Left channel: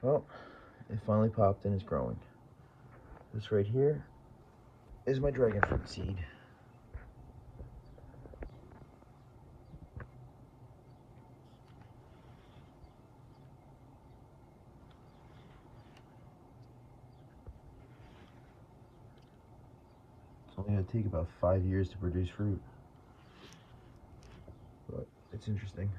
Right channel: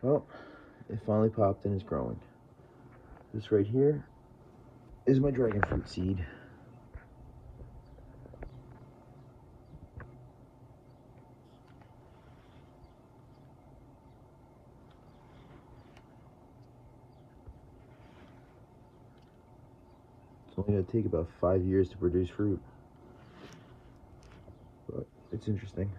Well, it finally popped and is growing. This right here is my dragon fruit seed. It's only going to take about 5 years to produce fruit, but it's interesting.